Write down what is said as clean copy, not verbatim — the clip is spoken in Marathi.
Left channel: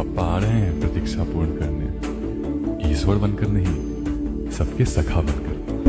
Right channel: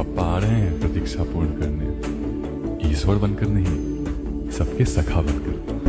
पप्पा आ रहे हैं प्रतीक्षा पूर्ण करने, ईश्वर बनकर नहीं, सबके सखा बनकर।